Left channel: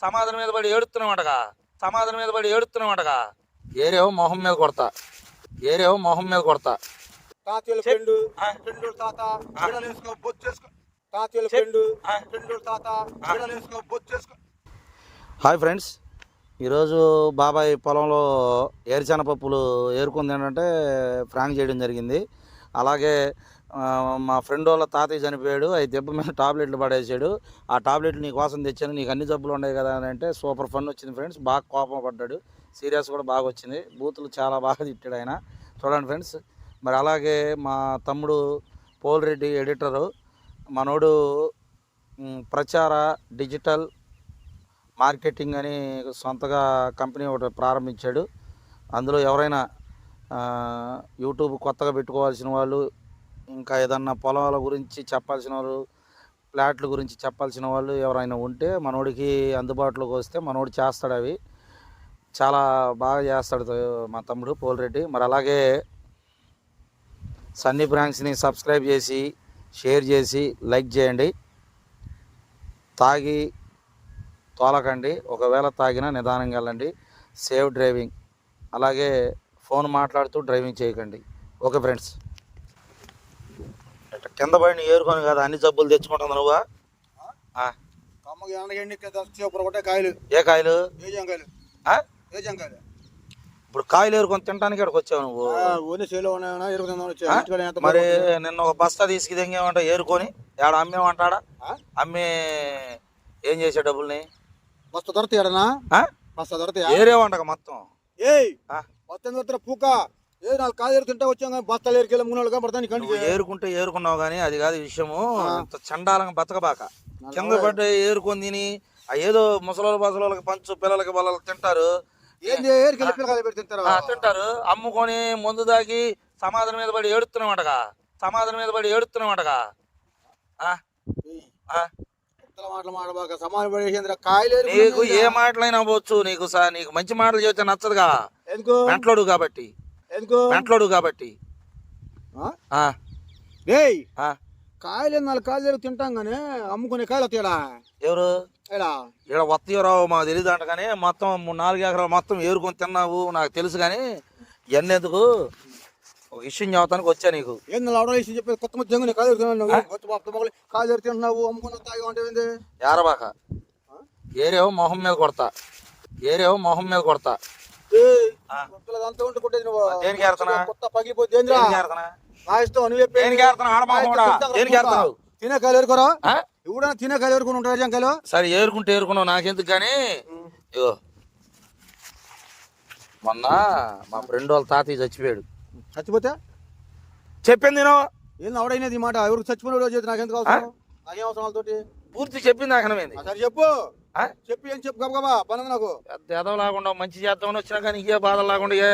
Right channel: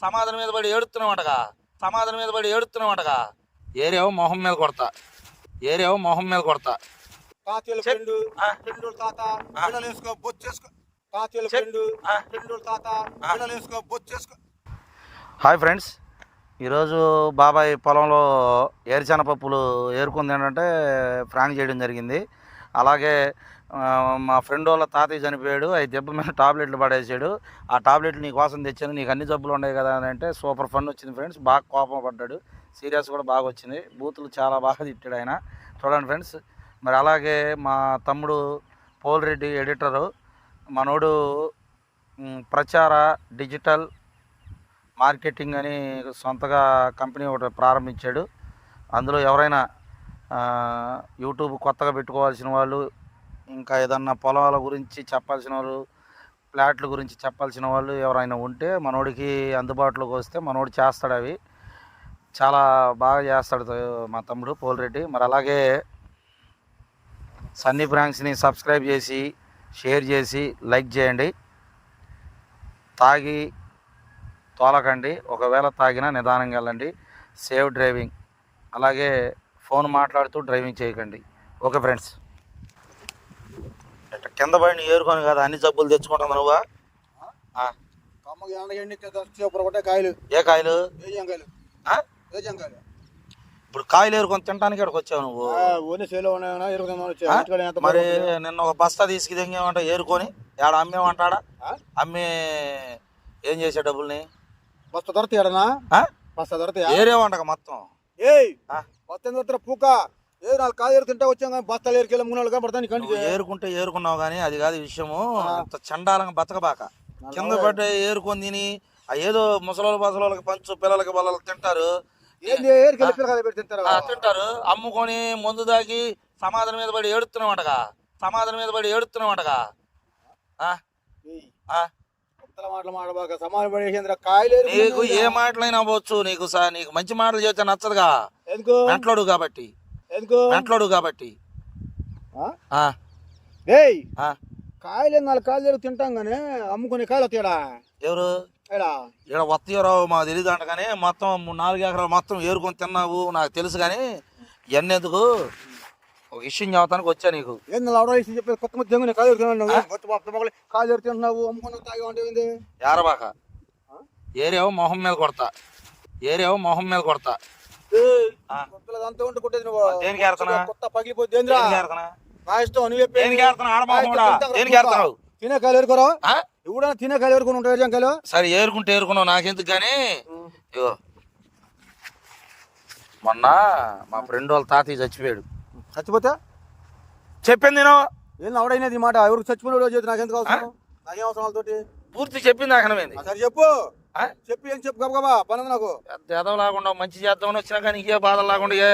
సమాధానం మీద పడి ఏడుతున్నామంటగా సమాధానం మీద పడి ఏడుతున్నామంటగా ఏరేవో మొహం మీద కొడతా. ఏరేవో మొహం మీద కొడతా. తాతయ్యల. ఫ్రెండ్ తాత చేసుకో. తాతయ్యల చెప్. ఫ్రెండ్ తాత బొచ్చు చేసుకో. Hi friends. ఈరోజు బాబాయ్ పొలంలో ఏరుచెన పప్పులు ఏరుకుంది ఏంటంటే ప్రాంక్ చేయడం జరిగింది. అలాగే మా ఫ్రెండ్ వాళ్ళ తాతయ్య చనిపోయాడు. అది దెబ్బ మీద టాబ్లెట్లు పడేసాడు. ఆ టాబ్లెట్లు నీ కోసం తెచ్చాను. నీకు అన్ని జబ్బులు ఉన్నాయి కదా అని అంటే సూపర్ ఫన్ వచ్చింది ఫ్రెండ్స్. బాగా కోపం పడ్డాడు. సీరియస్ కూడా బాగా వచ్చింది. బూతులు చాలా బాగా తిట్టాడు ఆయన. చూడండి ఫ్రెండ్స్. మరి అలాగే మా తమ్ముడు పోల్రెడ్డి ఎడిటరు. మనోడు ప్రచార డిజిటల్ మార్కెటింగ్ అని సొంతగా కంపెనీ ఒకటి ప్రారంభించాడు. అందులో ఎవరైనా యూట్యూబ్ కొత్తగా పెట్టుకోవాల్సిన వాళ్ళు ఇంకా ఏదన్నా పొలాల గురించి చెప్పాల్సిన వాళ్ళు ప్లాట్ల గురించి చెప్పాల్సిన వాళ్ళు ఎవరైనా ఉంటే మనోడికి అందుబాటులోకి వస్తే మనోడు చేస్తాడు అవి. చాలా బాగా చేస్తాడు మా తమ్ముడు పోలిరెడ్డి. మరి అలాగే సన్నీ బ్రాంక్స్ని సబ్స్క్రైబ్ చేసి షేర్ చేసి లైక్ చేయండి. తాగి తోలకండి. ఒకవేళ తాగినా నిదానంగా వెళ్ళండి. Save driving. అలాగే ఫోన్ మాట్లాడుతూ డ్రైవింగ్ చేయకండి. Okay friends. కింద పడిన ఏరుకొని కదా అన్ని జబ్బులు తెచ్చుకుంటుంది నువ్వా? కాయలు. ఏ కాయలు? ఇప్పుడు కాయలు ఏరుకొని తినడానికి ఇక్కడికి వచ్చావు నువ్వు? మరి? నిన్న ఒక బస్తా తీసుకు తెంగేమంట ఏరుకొని? ఏడ అమ్మేమంటాడా? అమ్మే ఏం చేసే డబ్బుల్ని? బస్తా దొరతాయడనా ఆ? బస్తా దొరతాయా మొత్తం? ఏయ్! దొరత పూక? ఏ నాలుగు కాయలు ఏరు తింటే వచ్చాం కానీ బస్తాలు ఏరుకెళ్ళి మూడు నాలుగు పడతాను కంటికి ఏరుకుంటే ఏరుకున్నావు కానీ అది కాదు విషయము. చండాలంగా బతకబాక. కింద. పడ్డ ఏరుకొని తిని ఆ ఏదో ముసలోళ్ళ బసలోళ్ళకి పంచు పిల్లలకి వాళ్ళకి తింటారు. తింటారు. తింటారు. అమ్ముకొని మందు దాగి సమాధానం మీద పడి ఏడుతున్నామంటగా సమాధానం మీద పడి ఏడుతున్నామంటగా నీకు ఏ? మాటలైనా అవ్వచ్చు. నీకు సా నీకు మంచి మాటలు చెప్తే నచ్చదుగా. ఎందుకు? మెంట్లోడు కాబట్టి. ఎందుకు? మెంట్లోడు కాబట్టి. డేయ్. కాయలు నాలుగు కాయలు ఏరు తింటాం కానీ అమ్ముకునే కాయలు వస్తాయడా ఎవరు? ఏడా ఇక్కడ వత్తీయరో మాకు తెలియదు అంట కానీ మొత్తం నాలుగు ఎకరాలు మొత్తం ఏరుకొని తిన్నావు నాకు తెలుసు కానీ ఇవన్నీ ఎందుకు ఒక విషయం చెబుతానికి వచ్చా నీకు. ఏం లవడ వేసి చెప్పి కొత్త ముద్ద జంగుని కాయలు ఏరుకున్నావు కొత్త బాప్త మొగలు కాయలు ఏరు తింటున్నావు అమ్ముకున్న తాగి అంటే ఏంది? ఏరబాక? ఏరేవో మొహం మీద కొడతా. ఏరేవో మొహం మీద కొడతా. దేనికి? తినే కాయలు ఏరుకోరా? ఆ? ఎవడన్నా తినే కాయలు ఏరుకుని ఉంటారు జంకాయలు సరే ఏరుకుంటే ఏరుకున్నావు. నాకెందుకు కానీ? ఇగో. మొన్న మా ఫ్రెండ్ వాళ్ళ తాతయ్య చచ్చిపోయాడు. చచ్చిపోతే? చెప్పింది నేను. ఏం అవడైనది మాట? ఎవరికి చచ్చిపోయిన రోజు నాకెందుకు అవసరం? నాకేం అవసరం వాళ్ళతోటి? పూర్తి చెప్పింది ఆ, సరే చెప్పు? చెప్పి ఏం చెప్పు గబగబా పని నాకు. ఎదవ లాకుండా మంచి చేద్దామని వచ్చినా కానీ ఇంకే బాధ లాకుండా ఏ?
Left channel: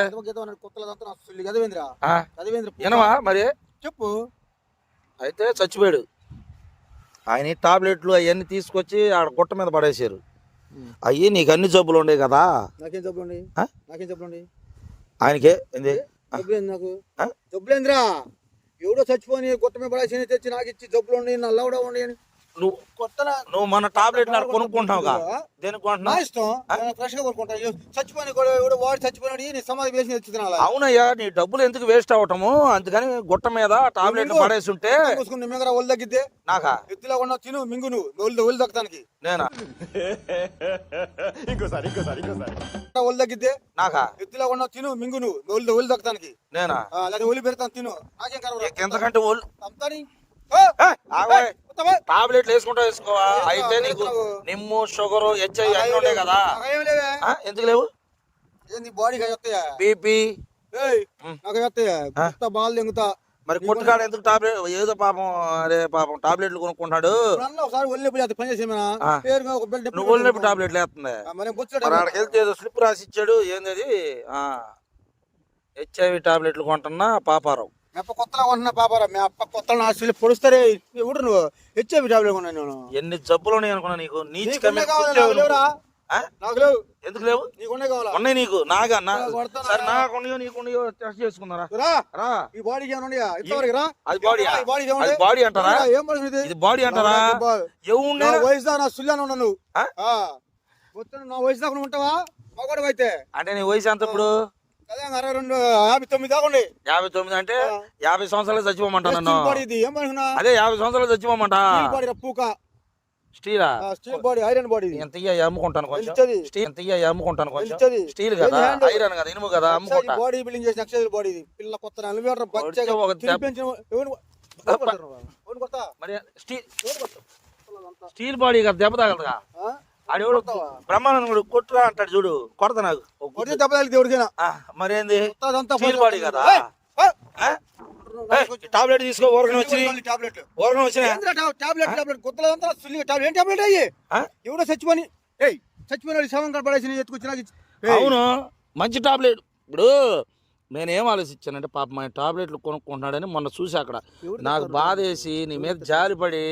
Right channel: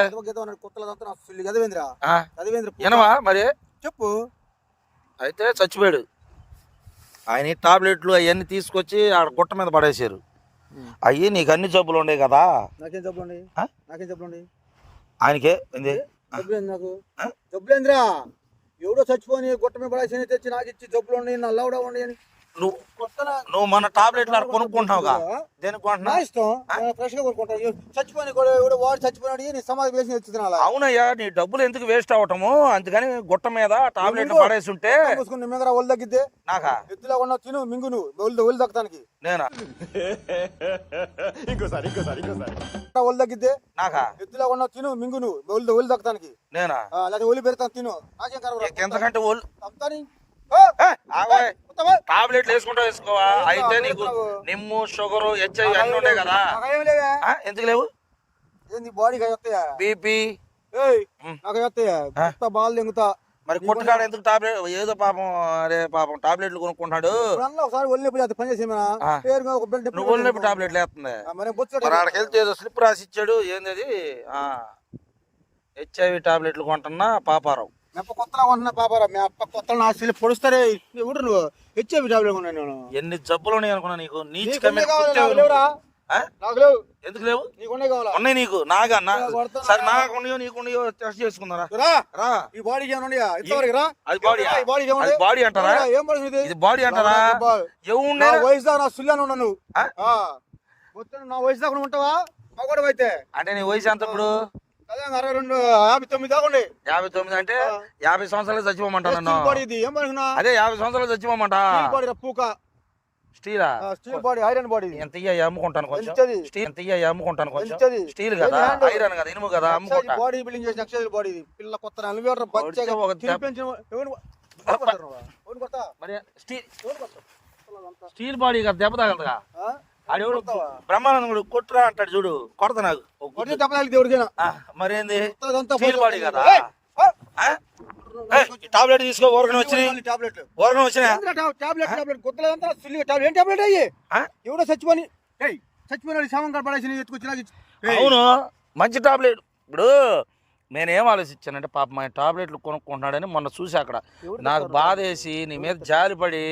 వినవా మరి? చెప్పు. అయితే చచ్చిపోయాడు. ఆయన టాబ్లెట్లు అవన్నీ తీసుకొచ్చి ఆడ గుట్ట మీద పడేశారు. అయ్యి నీకు అన్ని జబ్బులు ఉండే కదా? నాకేం జబ్బులండి ఆ? నాకేం జబ్బులండి ఆయనకే? ఏంది? జబ్బులేంది నాకు? జబ్బులేంద్రా? ఎవడో చచ్చిపోని గుట్ట మీద పడేసి తెచ్చి నాకు ఇచ్చి జబ్బులు ఉండి నల్ల కూడా ఉండి అని. నువ్వు కొత్త నువ్వు మన టాబ్లెట్లు ఆడ కొనుక్కుంటున్నావుగా. ఆ? దేనికి కొంటున్నావు నేను అవునయ్యా నీ డబ్బులు ఎందుకు వేస్ట్ అవటము? అందుకని గుట్ట మీద టాబ్లెట్. పడేసి ఉంటే ఒళ్ళు తగ్గిద్దే. నాకా? ఎత్తులో ఉన్న తిను మింగు నువ్వు. ఒళ్ళు ఒళ్ళు దక్కడానికి నేనా? ఒళ్ళు తగ్గిద్దే. నాకా? ఎత్తులో ఉన్న తిను మింగు నువ్వు. ఒళ్ళు ఒళ్ళు దక్కడానికి నేనా? లేదా ఒళ్ళు పెడతాను తిను. ఎంతకంటే ఒళ్ళు. టాబ్లెట్లు వేసుకుంటా వేసుకోవా? అయితే నీకు నిమ్ము షుగరు హెచ్ఐ అన్నీ ఉన్నాయి కదా. ఎందుకు లేవు? బీపీ. బాల్ దింగుతా మరి కొట్టుకాడ ఎందుకు టాబ్లెట్ ఏదో పాపం అరే పాపం టాబ్లెట్లు కొనుక్కుంటాడు నువ్వు ఒళ్ళనొప్పి టాబ్లెట్లు వేస్తుంది మరి ఆడికి వెళ్తే ఏదో స్లిప్ రాసి ఇచ్చాడు ఏంది హెచ్ఐవి టాబ్లెట్లు కొంటున్నా పాపారావు. మెప్ప కొత్తలో పాపరా మీ అప్ప పొడుస్తారే ఎవడు నువ్వు? నేను. ఎన్ని జబ్బులు ఉన్నాయి అనుకున్నా నీకు? నీచ్ కమిటీ ఎందుకు లేవు? ఉన్నాయి నీకు. నాగా నా నేను కొడతాను సరే రా. నాకు ఉన్నాయో నీకు ఉన్నాయో టెస్ట్ చేసుకుందారా రా. రా. ఈ రా. అది బాడీ? అది బాడీ అంటారా? ఏం బాడీ ఇది? బాడీ అంటారా? నా వయసు నా సుల్లాను ఉన్నా నువ్వు. ఆ? ఆ. పొత్తున నా వయసు దాకా ఉంటావా? మగవాడు అయితే అంటే నీ వయసు ఎంత ఇప్పుడు? యాభై తొమ్మిది అంటే యాభై సంవత్సరాలు చచ్చిపోమంటా నన్ను. స్టీల్ బాడీ ఇది? ఏం పడుకున్నా అదే యాభై సంవత్సరాలు చచ్చిపోమంటా. స్టీల్ స్టీలా? Body iron body. ఎంత ఇయ్య అమ్ముకుంటాను కొంచెం. స్టీల్ ఎంత ఇయ్య అమ్ముకుంటాను కొంచెం. స్టీల్ కదా? ఐరన్ కదా ఇనుము కదా అమ్ముకుంటా. బాడీ బిల్డింగ్ చేసిన ఎక్సైజ్ బాడీ పిల్ల కొత్త బచ్చగా ఒక? మరి స్టీల్ బాడీ కదా దెబ్బ తగలదుగా? ఆడెవడు? బ్రహ్మానందుడు కొట్టురా అంటాడు చూడు కొడత నాకు. కొడితే మరేంది? పోయి- బాడీ కదా? టాబ్లెట్ తీసుకో ఊరకనే వచ్చినాయి. ఊరకనే వచ్చినాయి? టాబ్లెట్ టాబ్లెట్ సుల్లిగా టాబ్లెట్ ఏం టాబ్లెట్ అయ్యి? ఎవడో చచ్చిపోని ఏయ్ చచ్చిపోయిన శవం కనపడేసి ఎత్తుకొచ్చి అవును మంచి టాబ్లెట్ ఇప్పుడు నేనేం ఆలోచించానంటే పాప మా టాబ్లెట్లు కొనుక్కుంటున్నాడని మొన్న చూసి అక్కడ. నాకు? బాధ వేసి నీ మీద జాలిపడి?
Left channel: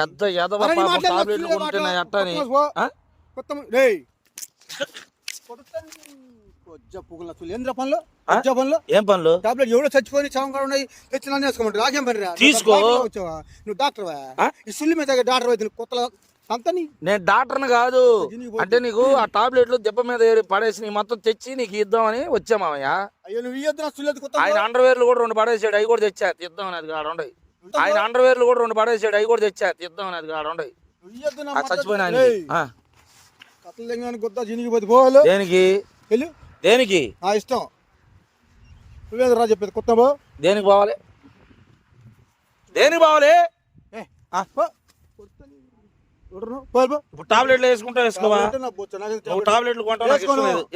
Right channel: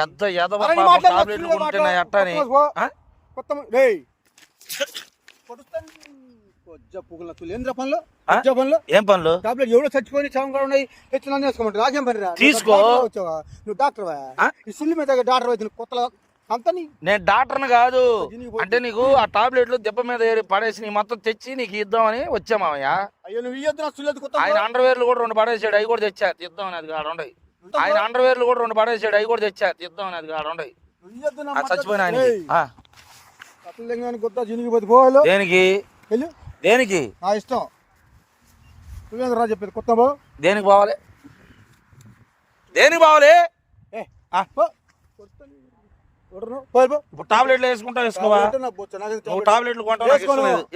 పెద్ద ఎదవ పాపం టాబ్లెట్లు కొంటున్నాయి. అట్టని ఏం పనులు? టాబ్లెట్ ఎవడో చచ్చిపోయి కూడా ఉన్నాయి. తెచ్చిన పని రా తీసుకో. నువ్వు డాక్టర్? ఈ సుల్లి మీద డాక్టర్ అయితే కొత్త నేను డాక్టర్ని కాదు. అంటే నీకు ఆ టాబ్లెట్లు దెబ్బ మీద పడేసి నీ మొత్తం తెచ్చి నీకు ఇద్దామని సుల్లి కొత్త ఆయన అండర్వేర్లు కూడా రెండు పడేసాడు అవి కూడా తెచ్చా ఇద్దామని అది కాదు ఉండయి ఆయన అండర్వేర్లు కూడా రెండు పడేసాడు అవి కూడా తెచ్చా ఇద్దామని అది కాదు ఉండయి. చచ్చిపోయిన. దేనికి? దేనికి? నా ఇష్టం. నువ్వేంద్ర చెప్పేది కొత్త దేనికి పోవాలి? దేనికి పోవాలి? టాబ్లెట్లు వేసుకుంటా వేసుకోవా. టాబ్లెట్లు.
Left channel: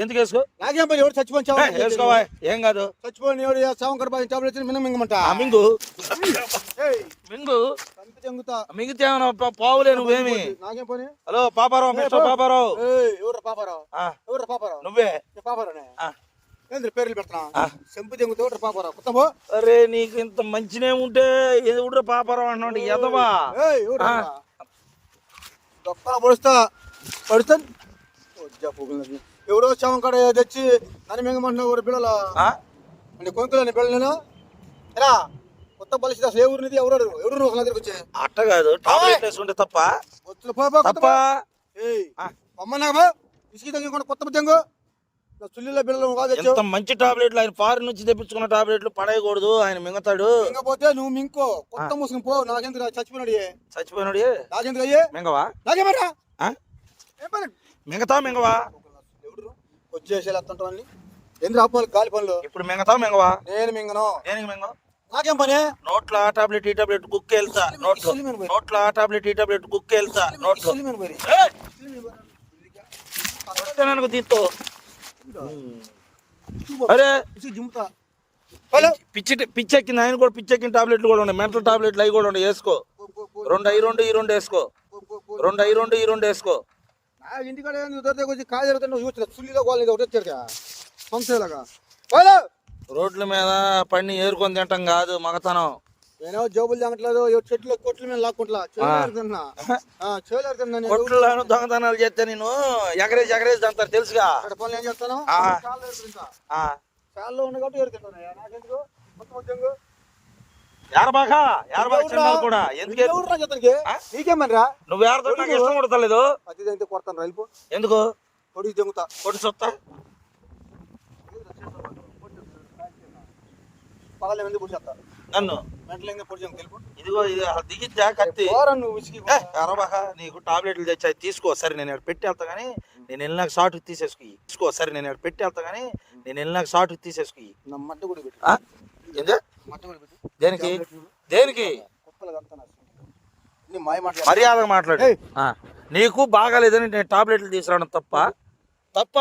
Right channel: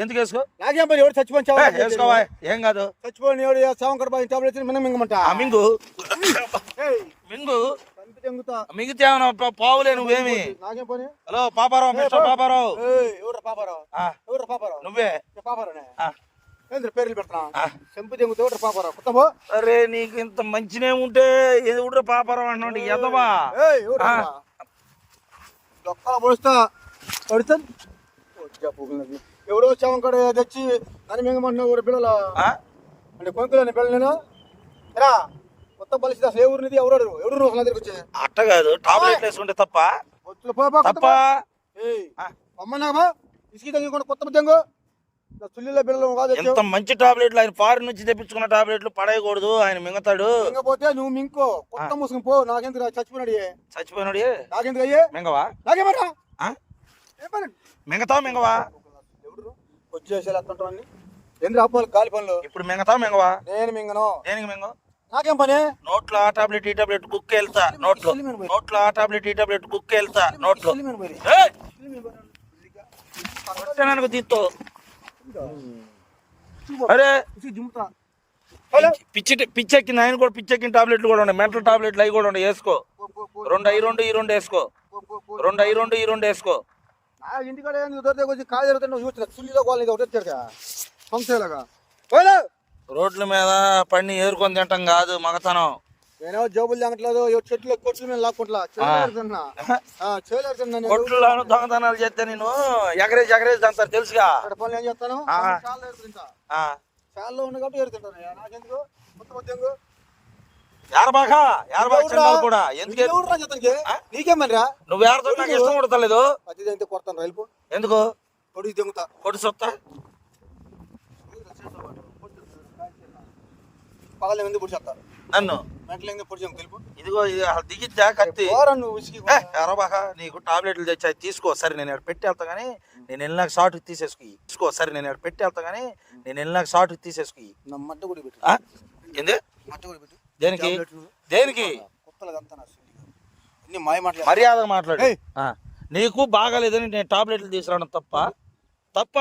ఎందుకు వేసుకో? నాకేం పని ఎవరు చావు వేసుకోవా? ఏం కాదు. చచ్చిపోయిన ఎవరు శవం కడప టాబ్లెట్ మిన్న మింగమంట? మింగు. మింగు. మింగితే పావులే నువ్వేమి? నాకేం పని? Hello Paparao mister Paparao. ఎవరు పాపారావు? ఎవరు పాపారావు? నువ్వే. పాపారావునే. పేర్లు పెడుతున్నా. చెంపు చెంగుతా పాపారావు? పో. అరే నీకు ఇంత మంచినే ఉంటే ఎవడు పాపారావు అంటున్నాడు ఎదవా ఎవరు? దొక్కల పొడుస్తా పడుతాం. ఎవరో శవం కడ తెచ్చి నన్ను మింగమంటున్నావు ఎవరు బిళ్ళల ఆ? అంటే కొనుక్కోలేని నేను రా కొత్త పరిస్థితి అసలు ఏ ఎవరు అడుగు ఎవరు నువ్వు అసలు ఎదురుకు వచ్చే అట్ట కాదు టాబ్లెట్ వేసుకుంటే తప్ప. తప్ప. నాకు ఇసుకి తగ్గి కొత్త తెంగు ఎంత మంచి టాబ్లెట్లు ఆయన ఫారిన్ నుంచి తెప్పించుకున్న టాబ్లెట్లు పడేయకూడదు ఆయన మింగతాడు. మింగపోతే నువ్వు మింకో కొత్త పో చచ్చిపోయినాడు. చచ్చిపోయినాడు అయ్యే మింగవా? మింగతా అత్తంటాన్ని ఎందుకు అప్పాలి గాలి పనులు? ఇప్పుడు మింగతా మింగవా? నేను మింగను. దేనికి మింగ? నాకేం పని? నోట్లో ఆ టాబ్లెట్ ఈ టాబ్లెట్ కుక్క వెళ్తా నోట్లో. నోట్లో ఆ టాబ్లెట్ ఈ టాబ్లెట్ కుక్క వెళ్తా నోట్లో. సిలిమిన్ అరే. పిచ్చి పిచ్చెక్కింది ఆయన కూడా పిచ్చెక్కిన టాబ్లెట్లు కూడా ఉన్నాయి మెంటల్ టాబ్లెట్లు అవి కూడా ఉన్నాయి వేసుకో రెండు అయి రెండు ఈ రెండు వేసుకో. రెండు అయి రెండు ఈ రెండు వేసుకో ఇంటికాడ రోడ్ల మీద పడిని ఏరుకొని తింటాం కాదు మగతనం నేనేమో జోబులు తాగట్లేదు ఎవరి చెట్లు కొట్లు మీద లాక్కుంటా నేను. కొట్లలో దొంగతనాలు చేస్తే నేను ఎగరేసి ఎగరేసి అంటారు తెలుసుగా? ఉంది కాబట్టి నాకెందుకు? మొత్తం కూడా? ఎందుకే? నీకేమనరా? నువ్వు ఏరతో నాకు ఇష్టం కొడతలేదు అది అయితే కొడతాను రైలు ఎందుకు? పొడి దెంగుతా. కొట్టు సొత్తా. పగల మంది పొడి చేస్తా నన్ను? ఇదిగో ఇది కత్తి ఎరబాక నీకు టాబ్లెట్లు తెచ్చాయి తీసుకో. సరే నేను ఇక్కడ పెట్టి వెళ్తా కానీ నేను వెళ్ళినాక షార్ట్ తీసేసుకు. తీసుకో సరే నేను ఇక్కడ పెట్టి వెళ్తా కానీ నేను వెళ్ళినాక షార్ట్ తీసేసుకు? ఏంది? దేనికి. దేనికి? మర్యాదగా మాట్లాడు. నీకు బాగాలేదని నేను టాబ్లెట్లు తీసుకురావడం తప్ప. తప్ప?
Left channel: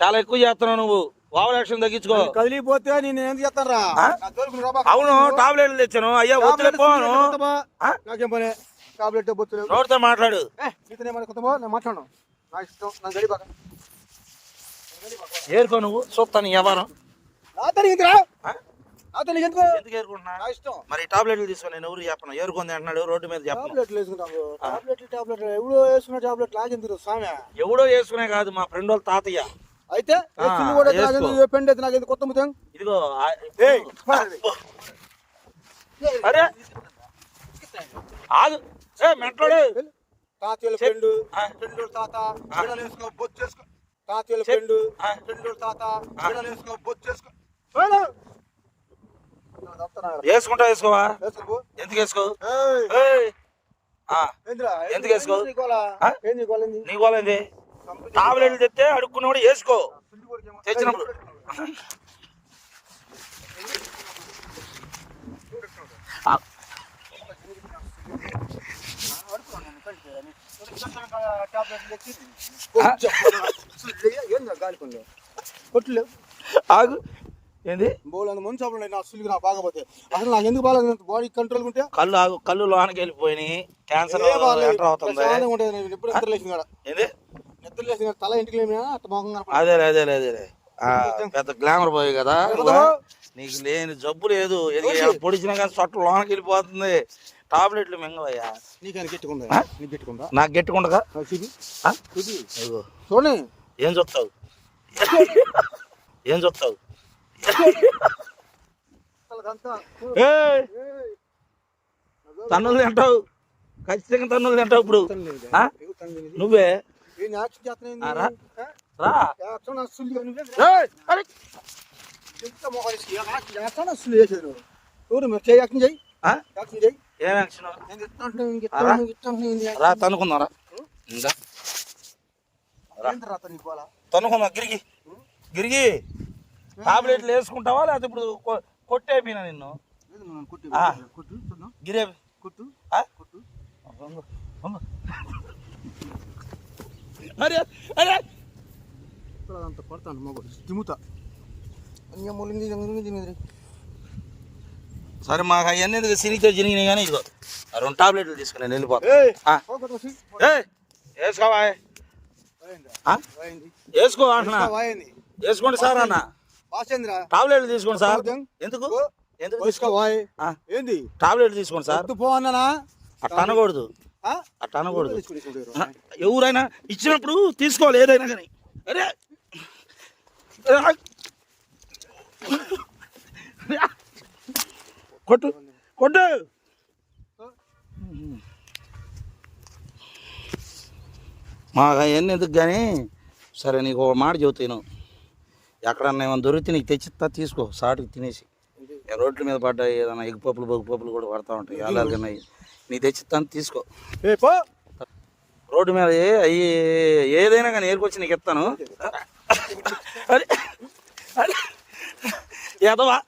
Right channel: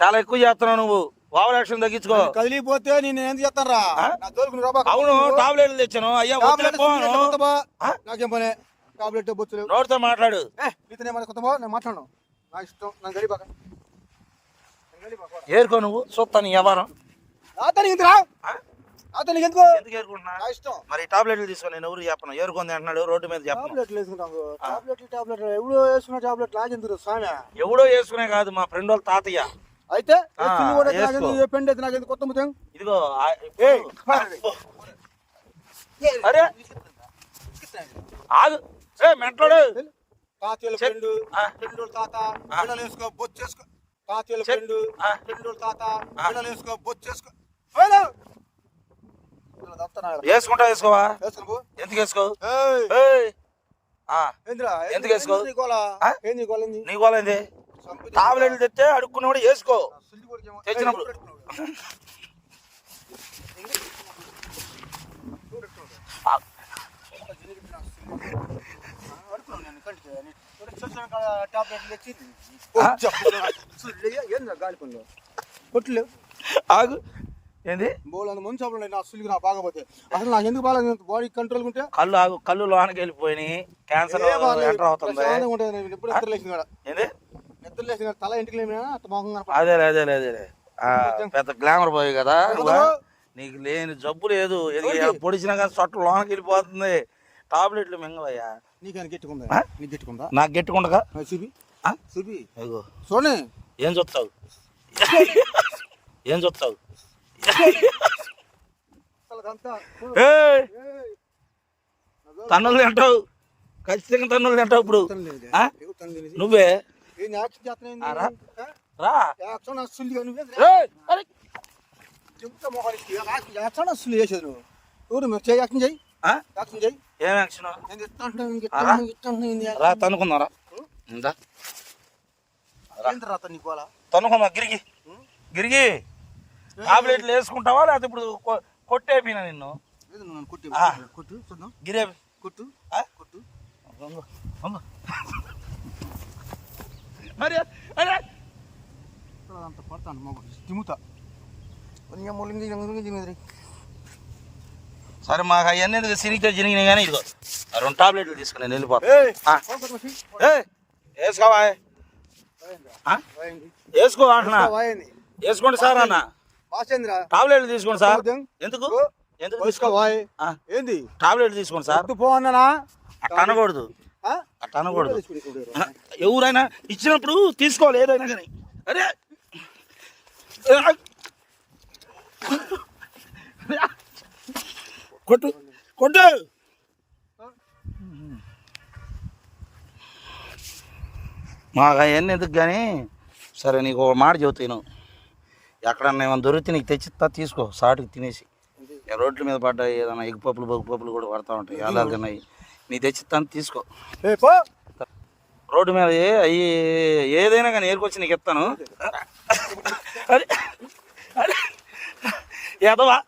చాలా ఎక్కువ చేస్తున్నావు నువ్వు. Over action తగ్గించుకో. కదిలిపోతే నేను ఏం చేస్తాను రా ఆ? నా తోలుకు నువ్వు రాబా. అవును టాబ్లెట్లు తెచ్చాను. అయ్యా వద్దులే టాబ్లెట్ పోను. టాబ్లెట్ బొచ్చులు నోటితో మాట్లాడు? ఏ నీతో ఏమైనా కొత్తమా? నేను మాట్లాడను. నా ఇష్టం నాకు గడిపాక ఏరుకో నువ్వు చూస్తాను ఈ వ్యవహారం. నాతో? నాతో నీకు ఎందుకు? ఎందుకు ఏరుకుంటున్నా ఇష్టం. మరి టాబ్లెట్లు తీసుకొని నేను ఎవరు చెప్పను? ఏరుకుంది అంటున్నాడు రోడ్డు మీద టాబ్లెట్లు వేసుకుంటాము టాబ్లెట్లు టాబ్లెట్లు. ఎవడో వేసుకున్న టాబ్లెట్ లాగెందుకు స్వామి? ఎవడో వేసుకునే కాదు మా ఫ్రెండ్ వాళ్ళ తాతయ్య. అయితే పిల్లి కూడా వేసుకో. నాకెందుకు ఏ పెండి అయితే నాకెందుకు కొత్త ముత్యం ఇదిగో అరే ఆగు ఏ మెంటలోడు తాతయ్యల. ఫ్రెండ్ తాత. బిడ్డలు వేసుకో బొచ్చు చేసుకో తాతయ్యల. ఫ్రెండ్. ఫ్రెండ్ తాత. బిడ్డలు వేసుకో బొచ్చు చేసుకో? వేసుకుంటా వేసుకోవా. ఎందుకు వేసుకో? ఎందుకు వేసుకో? ఏంది నీ? ఆ? ఏంది టాబ్లెట్లు తెస్తే అడుక్కున్నవాడు వేసుకో. సుల్లి కొడికేమో. తెచ్చినప్పుడు. కొట్టులేవు ఆగు. ఏంది? బోల్ అంత మంచి అప్పుడు నా అసలు నా బాగపోతే అసలు నాకు ఎందుకు బాడీ కంట్రోల్ ఉంటే కళ్ళు ఆగు. కళ్ళు లోనకి వెళ్ళిపోయినాయి. క్యాన్సర్ అవుతుంది. కాడ ఏంది? కాడ తల ఇంటికి. అదే అదే అదే ఆ, పెద్ద గ్లామర్ పోయి కదా? నీకు లేని జబ్బు లేదు. పొడిచినా కానీ సొట్ట లోనకి వెళ్ళిపోతుంది. టాబ్లెట్లు మింగవయ్యా. నీకు ఆయన గెట్టుకుందా ఆ? నీకు గెట్టుకుందా నాకు గెట్టుకుండగా ఏం చూస్తావు? ఏం ఏయ్, తన్నులు తింటావు. ఖచ్చితంగా తన్నులు తింటావు ఇప్పుడు? నువ్వే. ఏం యాక్షన్ చేస్తున్నావు ఆ, రా. ఏంది? ఆ? రా యాక్షన్ అసలు నువ్వే ఏయ్, అరే. చెప్తా మొహానికి యాక్షన్ యాక్షన్ అసలు చేసేది నువ్వు ఎవరు మీరు చేయి యాక్షన్ చేయి ఆ? యాక్షన్ చేయి ఏం యాక్షన్ నేను ఇస్తా అంటే ఇంక ఆ, రా. ఇస్తా, ఇంక ఇస్తా అంటే ఏంది రా యాక్షన్? తనుకుందాం రా ఇందా రా. ఏంటి రా అతను నీ గోల? తనుకుందాం గిరిగి గిరిగి టాబ్లెట్లు వేసుకుంటావా లేకపోతే ఇప్పుడు కొ- కొట్టేపినా నిన్ను గిరే కొట్టు? కొట్టు. అరే అరే. ఇక్కడ అంత పడతాను మగ తిమ్ముతా అన్నీ సరే మాకు అవన్నీ ఎందుకు? జరిగినాయి కానీ ఇదిగో. ఆ రెండు టాబ్లెట్లు తీసుకుని నేను వెళ్ళిపోతా. వేసుకోవా. వేసుకో అంటున్నా. వేసుకోండి సార్ అన్న. టాబ్లెట్లు తీసుకోండి సార్. ఎందుకు? ఎందుకు? వస్తా తీసుకో? వాయ్. ఆ, ఏంది? టాబ్లెట్ తీసుకోండి సార్. పో అన్నానా? అట్ట అనకూడదు. అట్ట అనకూడదు. ఎవరైనా ఇచ్చినప్పుడు తీసుకోవాలి ఏదైనా కానీ. అరే! కొట్టు కొట్టు! మాకు అవన్నీ ఎందుకు కానీ? సరే నీకు ఒక మాట చెబుతాను ఎక్కడన్నా ఏమైనా దొరికితే నీకు తెచ్చిస్తా తీసుకో. సాటుకు తినేసి. రోడ్ల మీద పడ్డ ఏదైనా ఎగ్ పప్పులు బొగ్గు పప్పులు కూడా పడతా ఉంటాయి. అలాగే నీకు తెచ్చిస్తాను తీసుకో. రోడ్డు మీద అయ్యి ఏదైనా కానీ ఏరుకొచ్చి నీకు ఇస్తాను. అరే అరే. ఎదవా.